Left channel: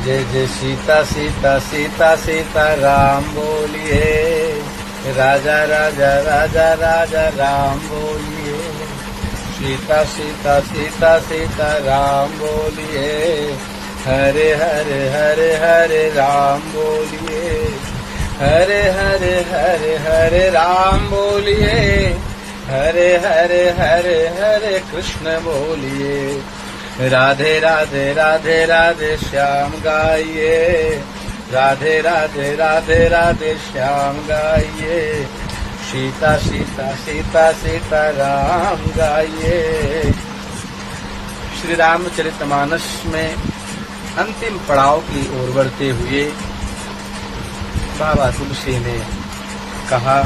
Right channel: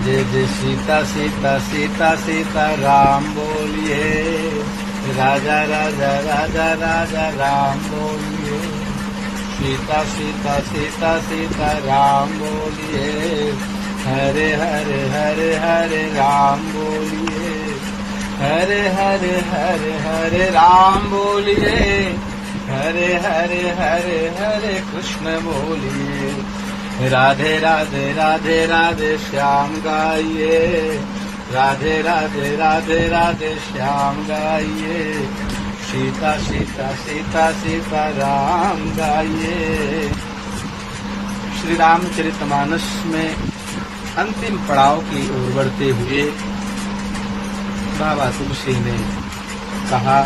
जय जय सीता सीता सीता सीता राम बोलिए, राजा राजा राजा राजा राम बोलिए, सीता सीता सीता सीता राम बोलिए, हरे हरे हरे हरे राम बोलिए, हरे हरे हरे हरे राम बोलिए, हरे हरे हरे हरे कृष्ण बोलिए, राधे राधे राधे राधे श्याम गाइए, राधे राधे राधे राधे श्याम गाइए, सीता सीता सीता सीता राम गाइए। श्री रामचरितमानस में अंतिम पड़ाव की ओर बढ़ते हुए बाबा तुलसी ने कहा,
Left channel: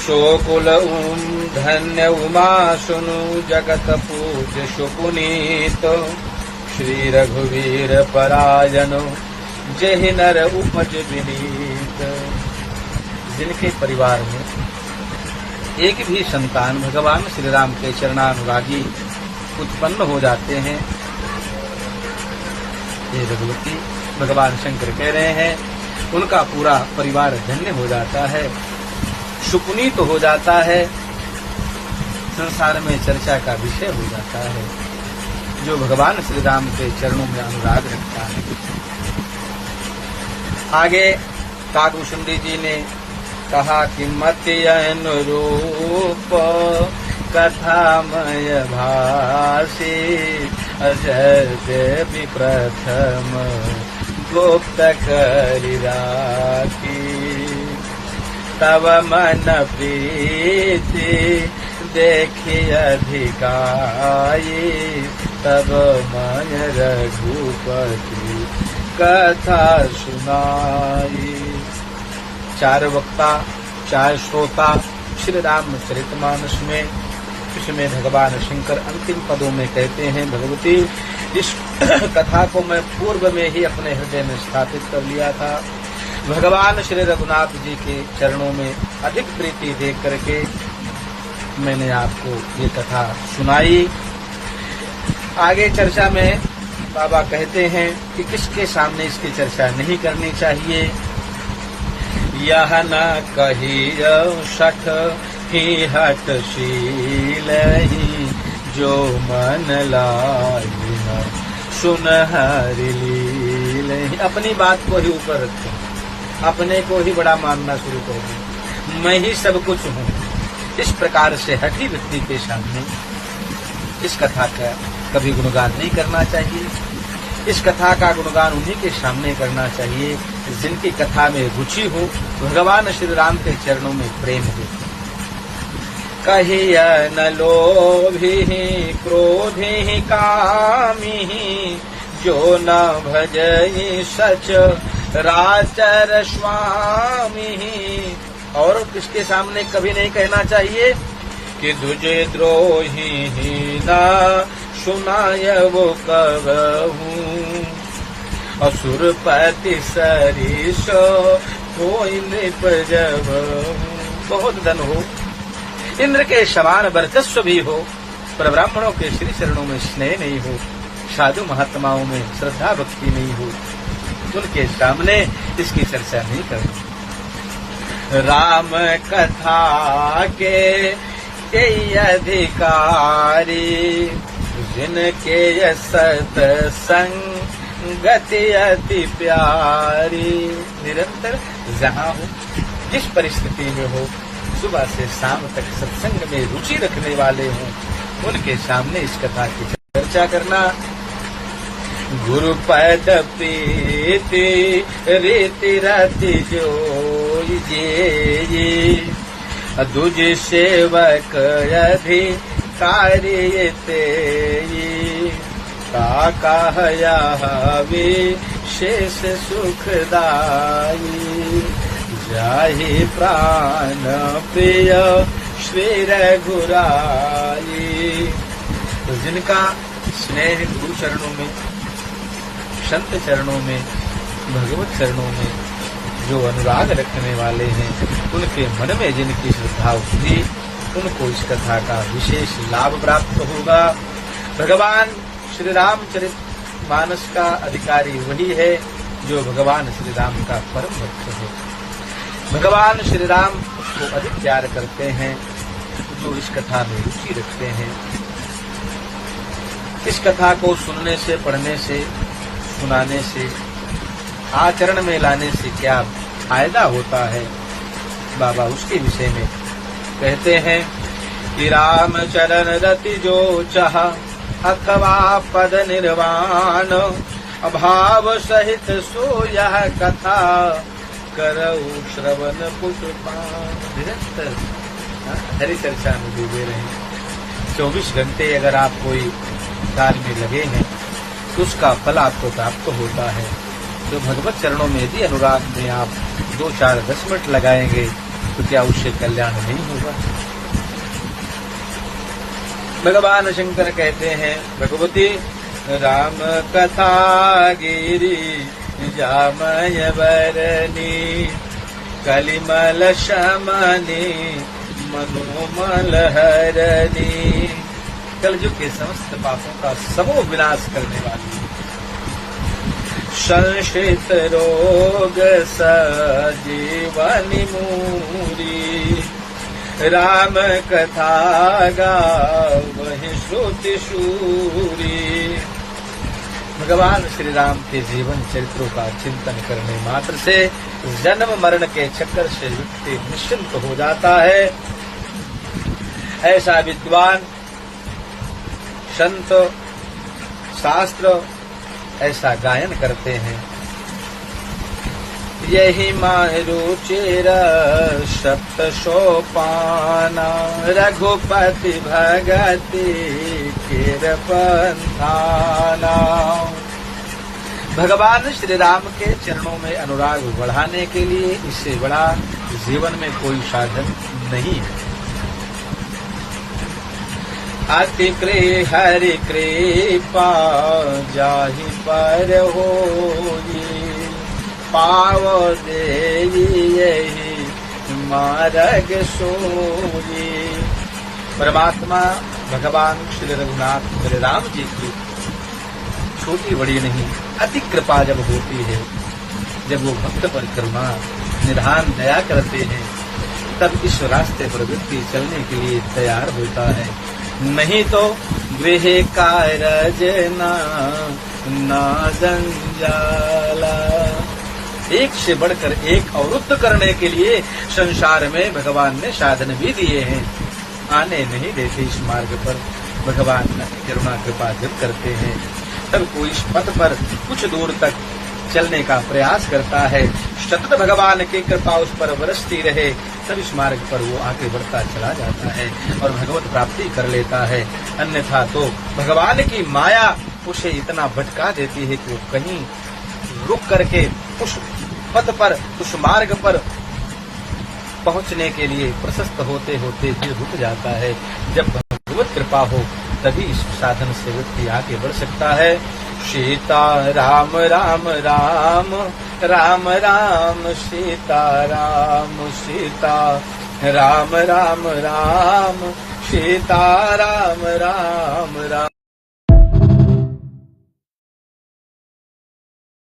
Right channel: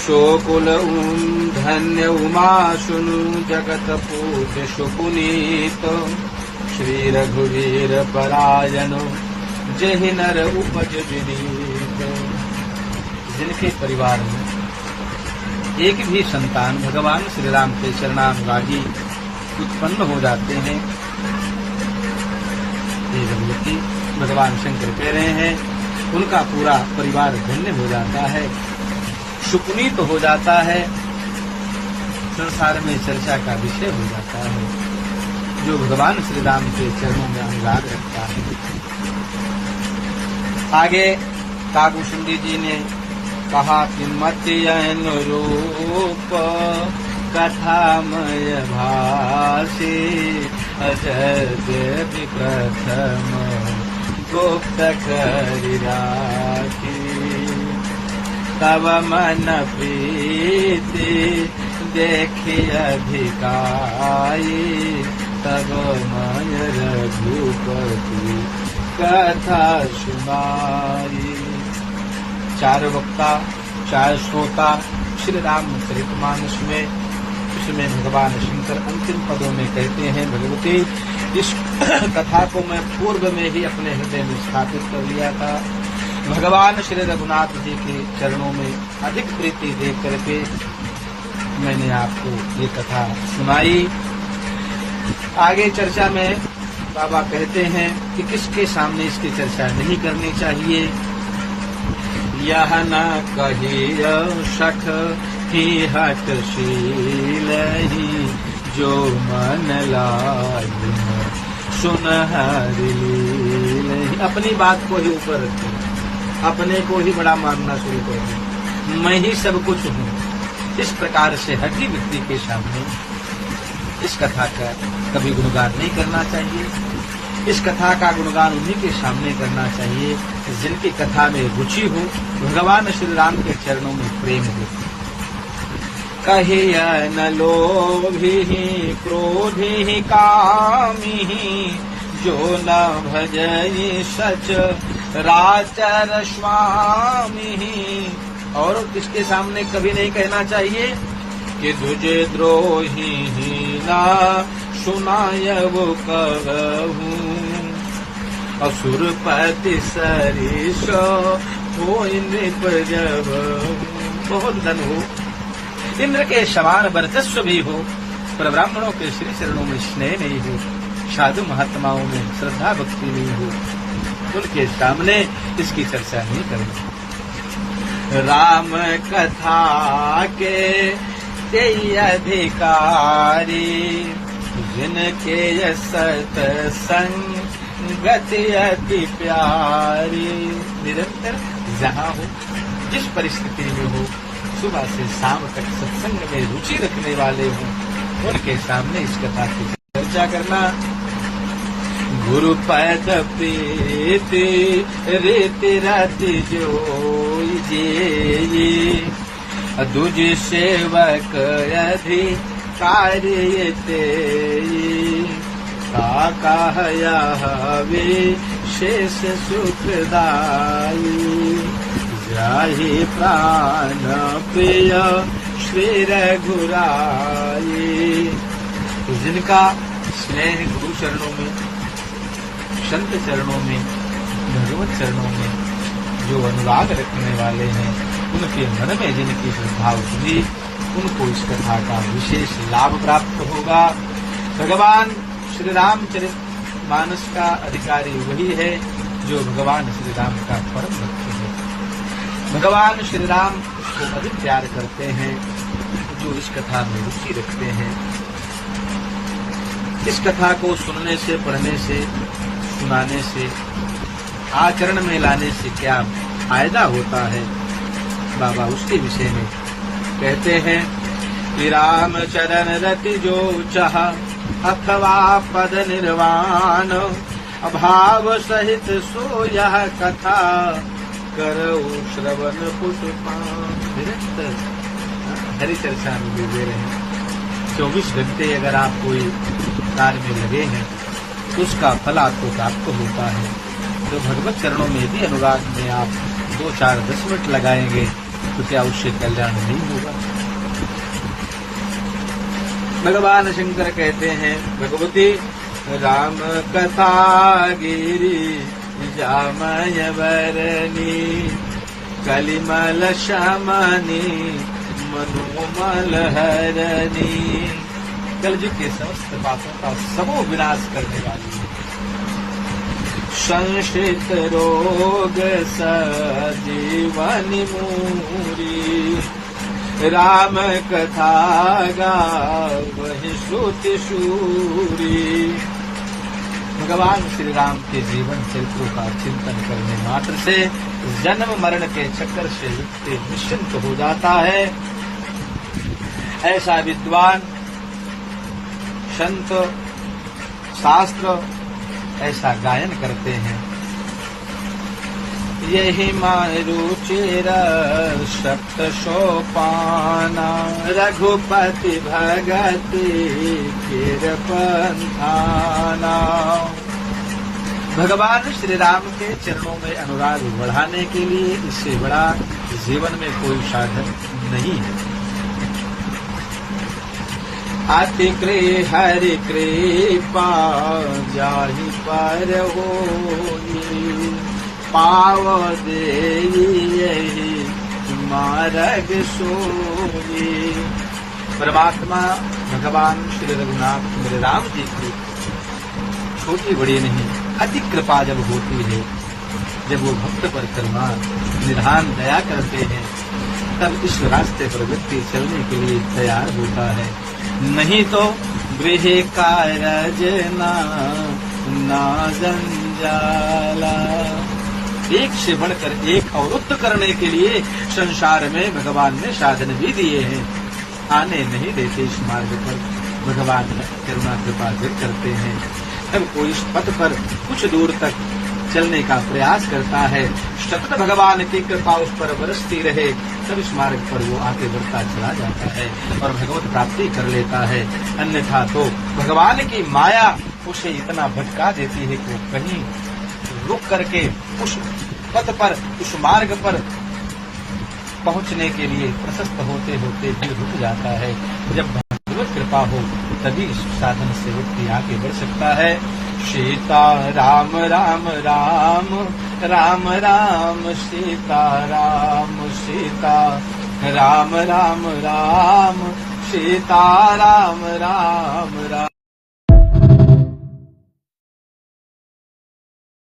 शोकुल धन्य उमा सुनु जगत पूज्य सुपुनीत, श्री रघुवीर परायण जहि नर उपज विनीत। जिनके परिवार में एक भी संतान भगवान श्री राम के चरणानुरागी उत्पन्न हो जाते हैं, ये भगवती भगवान शंकर कह रहे हैं, उनका पूरा परिवार धन्य हो जाता है, सुपुनीत हो जाता है, संसार में चर्चा का विषय हो जाता है, जो भगवान श्री राम के चरणों में अनुराग रखता है। आगे काकुशुंडी जी ने कहा कि मति अनुरूप कथामय भाषी, अजर देवी प्रथम गुप्त करि राखी, तब मन प्रीति देखी अधिकाई, तब मन रघुपति कथा सुनाई। चार वक्ता चार श्रोता श्री रामचरितमानस में, इसमें भगवान शंकर अंतिम पदों में कहते हैं, भगवती इस कथा को मैं पूर्व में ही अपने हृदय में स्थापित कर लिया था, भगवान श्री रघुनाथ जी के चरणों में अधिक प्रीति देख करके मैंने आपको ये कथा सुनाई। आगे चर्चा में बाबा कहते हैं कि किसके सामने इसकी चर्चा नहीं करनी चाहिए। यह न कहियो सख ही हठशील ही, जो मन लाई सुन हरि लील। अपनी बात को ही ऊपर रखें, अपने को ही बड़ा मानना शुरू कर दें, मैं ही सब कुछ हूँ। इस प्रकार से हठी व्यक्ति के सामने इस कथा का कभी गुणगान नहीं करना चाहिए। इस कथा का गुणगान उन्हीं के सामने करना चाहिए जिनकी कथा में रुचि हो, भगवान श्री राम के चरणों में प्रेम हो। कहिय न लोभी क्रोधी कामी, जो न भजई सच राचर स्वामी। और किसके सामने कभी नहीं कहना चाहिए कि तुझे द्रोही ना सुनाय वो कहूँ, असुरपति सरीस हो नृप जब। बहुत धन हो, इंद्र के समान वर्चस्व भी हो, पर ब्राह्मणों के श्री चरणों में स्नेह नहीं हो, साधु महात्माओं में श्रद्धा भक्ति नहीं हो, उनके सामने इसकी चर्चा नहीं करनी। राम कथा के अधिकारी, जिनके सत्संगति अति प्यारी। निरंतर जहाँ हो, जिस परिस्थिति में हो, सुबह से शाम तक सत्संग में रुचि रखने वाले हों, उनके सामने इस कथा की चर्चा करना। गुरु पद प्रीति रीति रति जोइजे, दुज सेवक अधिकारी तेई, काकहया विशेष सुखदाई, जाहि प्राण प्रिय श्री रघुराई। तो जिनका स्नेह गुरु चरणों में, संत चरणों में, भगवत चरणों में जो अनुराग रखने वाले हैं, उनके मन में जिनकी श्रद्धा उतरी, उनको इस कथा का विशेष लाभ प्राप्त होगा। भगवान श्री रामचरित मानस का अधिकारी वही है जो भगवान श्री राम का परम भक्त है। भगवान श्री राम को अधिक प्यार करते हैं जो इस कथा में रुचि रखते हैं। इस कथा को सुनने से, पढ़ने से, सुनाने से, आचरण में लाने से क्या फायदा होता है, बाबा उसके विषय में कहते हैं कि राम चरण रति जो चाह अथवा पद निर्वाण, अभाव सहित सो यह कथा करऊ श्रवण पुष्पान। निरंतर हरि चर्चा में डूबे रहे। 24 घंटे अगर आप कोई कार्य में लगे हैं तो उसका फल आपको प्राप्त होता है। तो भगवत चरणों में यदि अनुराग में आप 2, 4, 10 मिनट लगाएंगे तो क्या उससे कल्याण नहीं होगा। भगवान शंकर कहते हैं भगवती राम कथा गिरी जामय बरनी, कलिमल शमनी मनोमल हरनी। कलयुग के समस्त पापों का समूह विनाश करने वाली, संश्रित रोग सजीवनी मूरी, राम कथा गावहि श्रुति शूरी। भगवान श्री राम के जीवन चरित्रों का चिंतन करने मात्र से जन्म मरण के चक्कर से व्यक्ति निश्चिंत हो जाता है। ऐसा विद्वान संत शास्त्र ऐसा गायन करते हैं। यही मारुचिर सप्त सोपाना, रघुपति भगति किरपंथाना। भगवान श्री राम के चरणों में अनुराग बढ़ाने के लिए इससे बड़ा जीवन में कोई साधन नहीं है। अति हरि कृपा जाहि पर होई, पाव देहि मार्ग सोई। परमात्मा भगवान श्री रघुनाथ मेरे राम जी की छोटी बड़ी नहीं अति कृपा जब होती है, जब वो भक्त पर करुणा निधान दया करते हैं, तब इस रास्ते पर व्यक्ति चलने के लिए तैयार होता है। नहीं तो गृह कारज ना जंजाला। एक से बढ़कर एक अवरुद्ध करने के लिए संसार में भगवान ने साधन भी दिए हैं, आने नहीं देते इस मार्ग पर। भगवान करुणा कृपा जब करते हैं तब कोई इस पथ पर कुछ दूर तक चलने का प्रयास करता है, सतत भगवान की कृपा उस पर बरसती रहे, तब इस मार्ग पर वो आगे बढ़ता चला जाता है और भगवत प्राप्ति कर लेता है। अन्यथा तो भगवान की माया उसे इतना भटका देती है कि वो कहीं रुक करके उस पथ पर, उस मार्ग पर पहुंचने के लिए प्रशस्त होते होते भी रुक जाता है। जब भगवत कृपा हो तभी इस साधन से व्यक्ति आगे बढ़ सकता है। सीता राम राम राम राम राम सीता राम सीता राम राम राम सीता राम राम राम।